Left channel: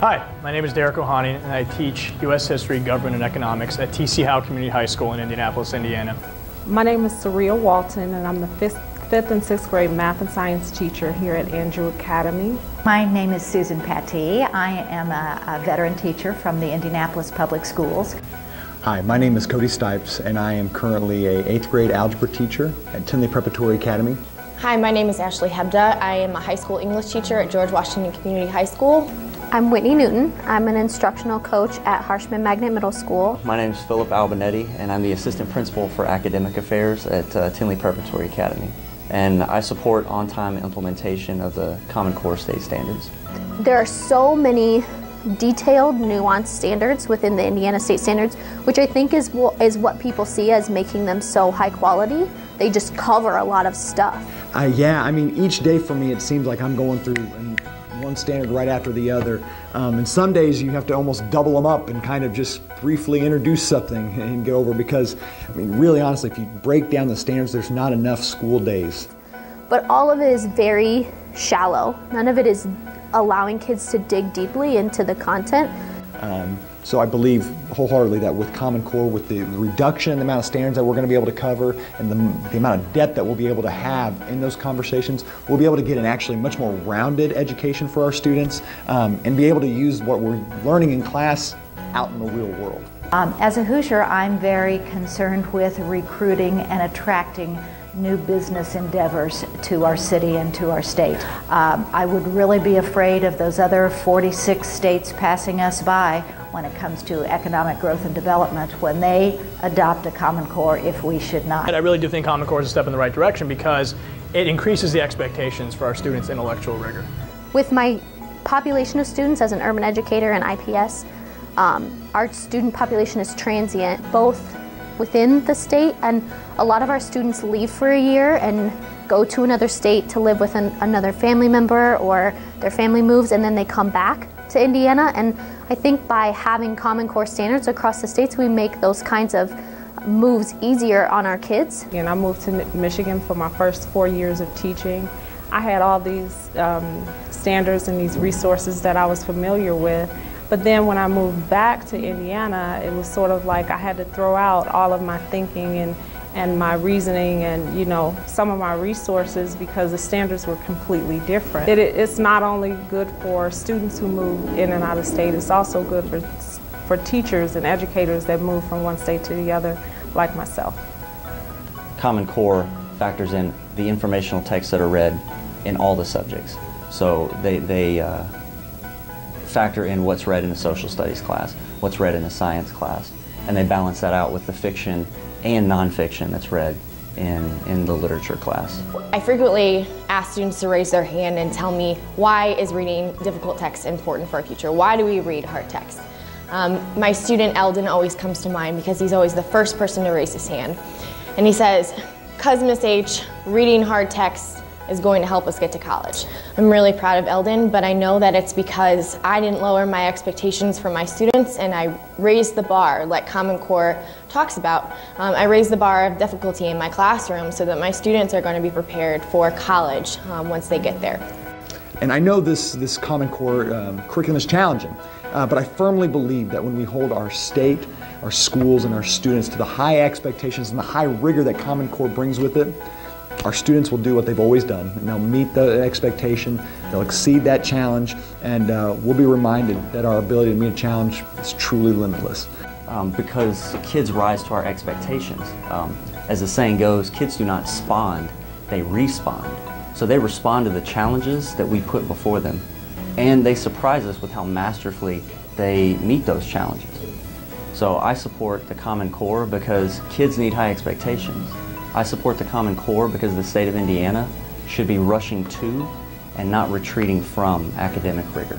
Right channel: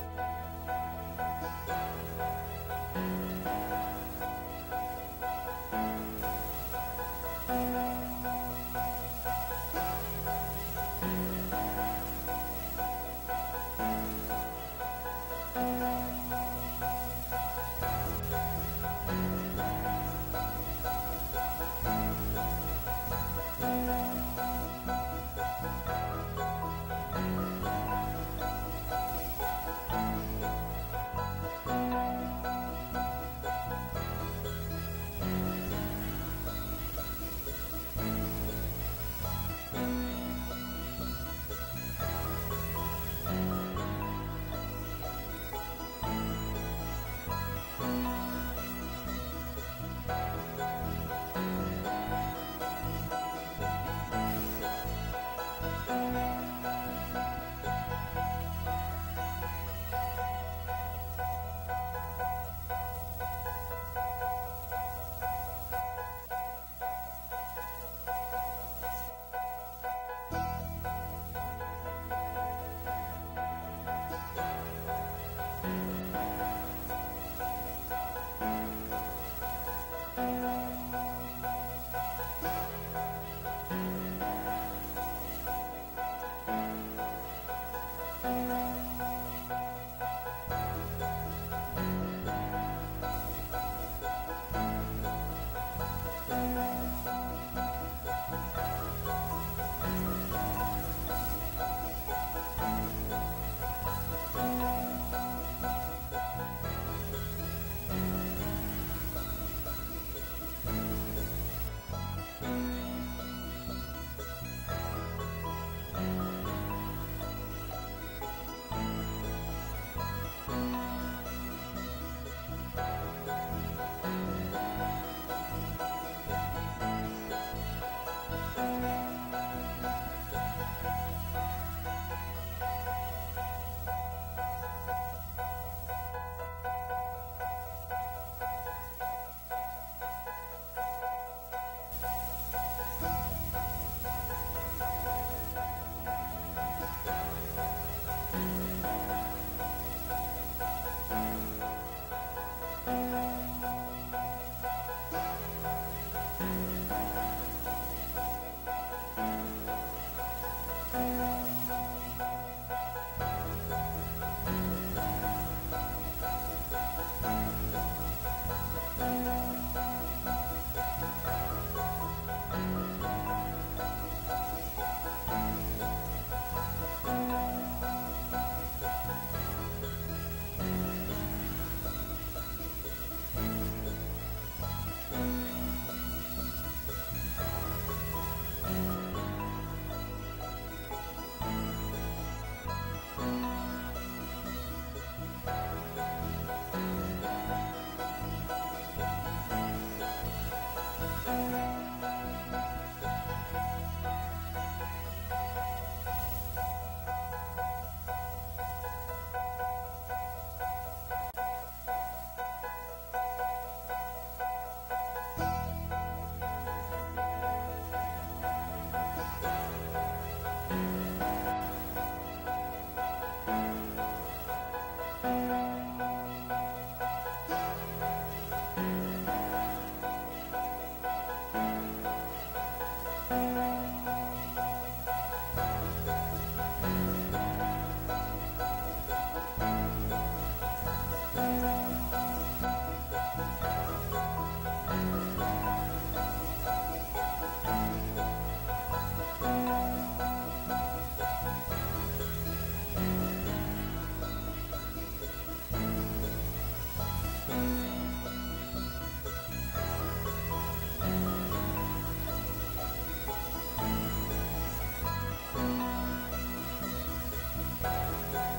Hi, my name is Derek Ohani, and I teach U.S. History, Government, and Economics at T.C. Howe Community High School in Indianapolis, Indiana. My name is Surreal Walton, and I'm the fifth and sixth grade math and science teacher here at Andrew Academy. My name is Susan Pattee. I am a veteran teacher from the Indianapolis Public Schools. Hi, my name is Cody Stipes, and I am currently a 8th grade algebra teacher at Tinley Preparatory Academy. Hi, my name is Ashley Hebda. I am a high school English teacher at George Washington Community High School. I'm Whitney Newton. I'm an instructional coach at Harshman Magnet Middle School. My name is Philip Albinetti, and I'm the assistant principal for academic affairs at Tinley Preparatory Academy. And I support on-time implementation of the Common Core state standards. There are so many detailed, nuanced standards within the Indiana state standards, which I think is what people see as making them so high quality. They just cover a lot of stuff. Yeah, I mean, each day for me it seems like I'm going through one standard right after the other. And some days you have to almost double them up and kind of just briefly introduce something and get over, because, I mean, really honestly, if you break down the standards, there's not enough school days. But all of it is very shallow. None of it is allowing kids to dig deeply into the content. So I believe wholeheartedly that with Common Core, with the reduction in the amount of standards that we're going to be able to cover and the amount of depth that we'll be able to have in those conversations, we'll be able to get an actually much more rounded education for our students and be able to use what we're learning in class out in the real world. As a Hoosier, I'm very concerned with recruiting and attracting new business endeavors to our city and to our state. I would really be afraid of those other 46 states passing us by when it comes to economic growth and development, when they adopt a Common Core, if we should not. And I really do think Common Core is a step in the right direction because it increases the expectations for our students' intellectual rigor. With my population of students as an urban educator and IPS, our student population is transient, both within the state, and a lot of our students leave for a year and go to another state to live with another family member, or their family moves and then they come back to Indiana. And I think by having Common Core standards across the states, we make those kinds of moves easier on our kids. And I moved to Michigan for my first 4 years of teaching. I had all these standards and these resources that I was familiar with. But then when I moved back to Indiana, it was sort of like I had to throw out all of my thinking and my reasoning and, you know, some of my resources, because the standards were completely different. It's not only good for students who move in and out of state, it's also good for teachers and educators that move from one state to the other, like myself. Common Core factors in the informational texts that are read in all the subjects. So they factor in what's read in a social studies class, what's read in a science class, and they balance that out with the fiction and nonfiction that's read in the literature class. I frequently ask students to raise their hand and tell me, why is reading difficult text important for a teacher? Why do we read hard text? My student Eldon always comes to mind because he's always the first person to raise his hand. And he says, "'Cause Miss H, reading hard text is going to help us get to college." I'm really proud of Eldon, but I know that it's because I didn't lower my expectations for my students, and I raised the bar like Common Core talks about. I raised the bar of difficulty in my classroom so that my students are going to be prepared for college once they get there. And I know this Common Core curriculum is challenging, but I firmly believe that when we hold our state, our schools, and our students to the high expectations and the high rigor that Common Core brings with it, our students will do what they've always done, and they'll meet the expectation, they'll exceed that challenge, and we'll be reminded that our ability to meet a challenge is truly limitless. Because kids rise to our expectations. As the saying goes, kids do not spawn, they respond. So they respond to the challenges that we put before them, and they surprise us with how masterfully they meet those challenges. So I support the Common Core because kids need high expectations. I support the Common Core because the state of Indiana should be rushing to and not retreating from academic rigor.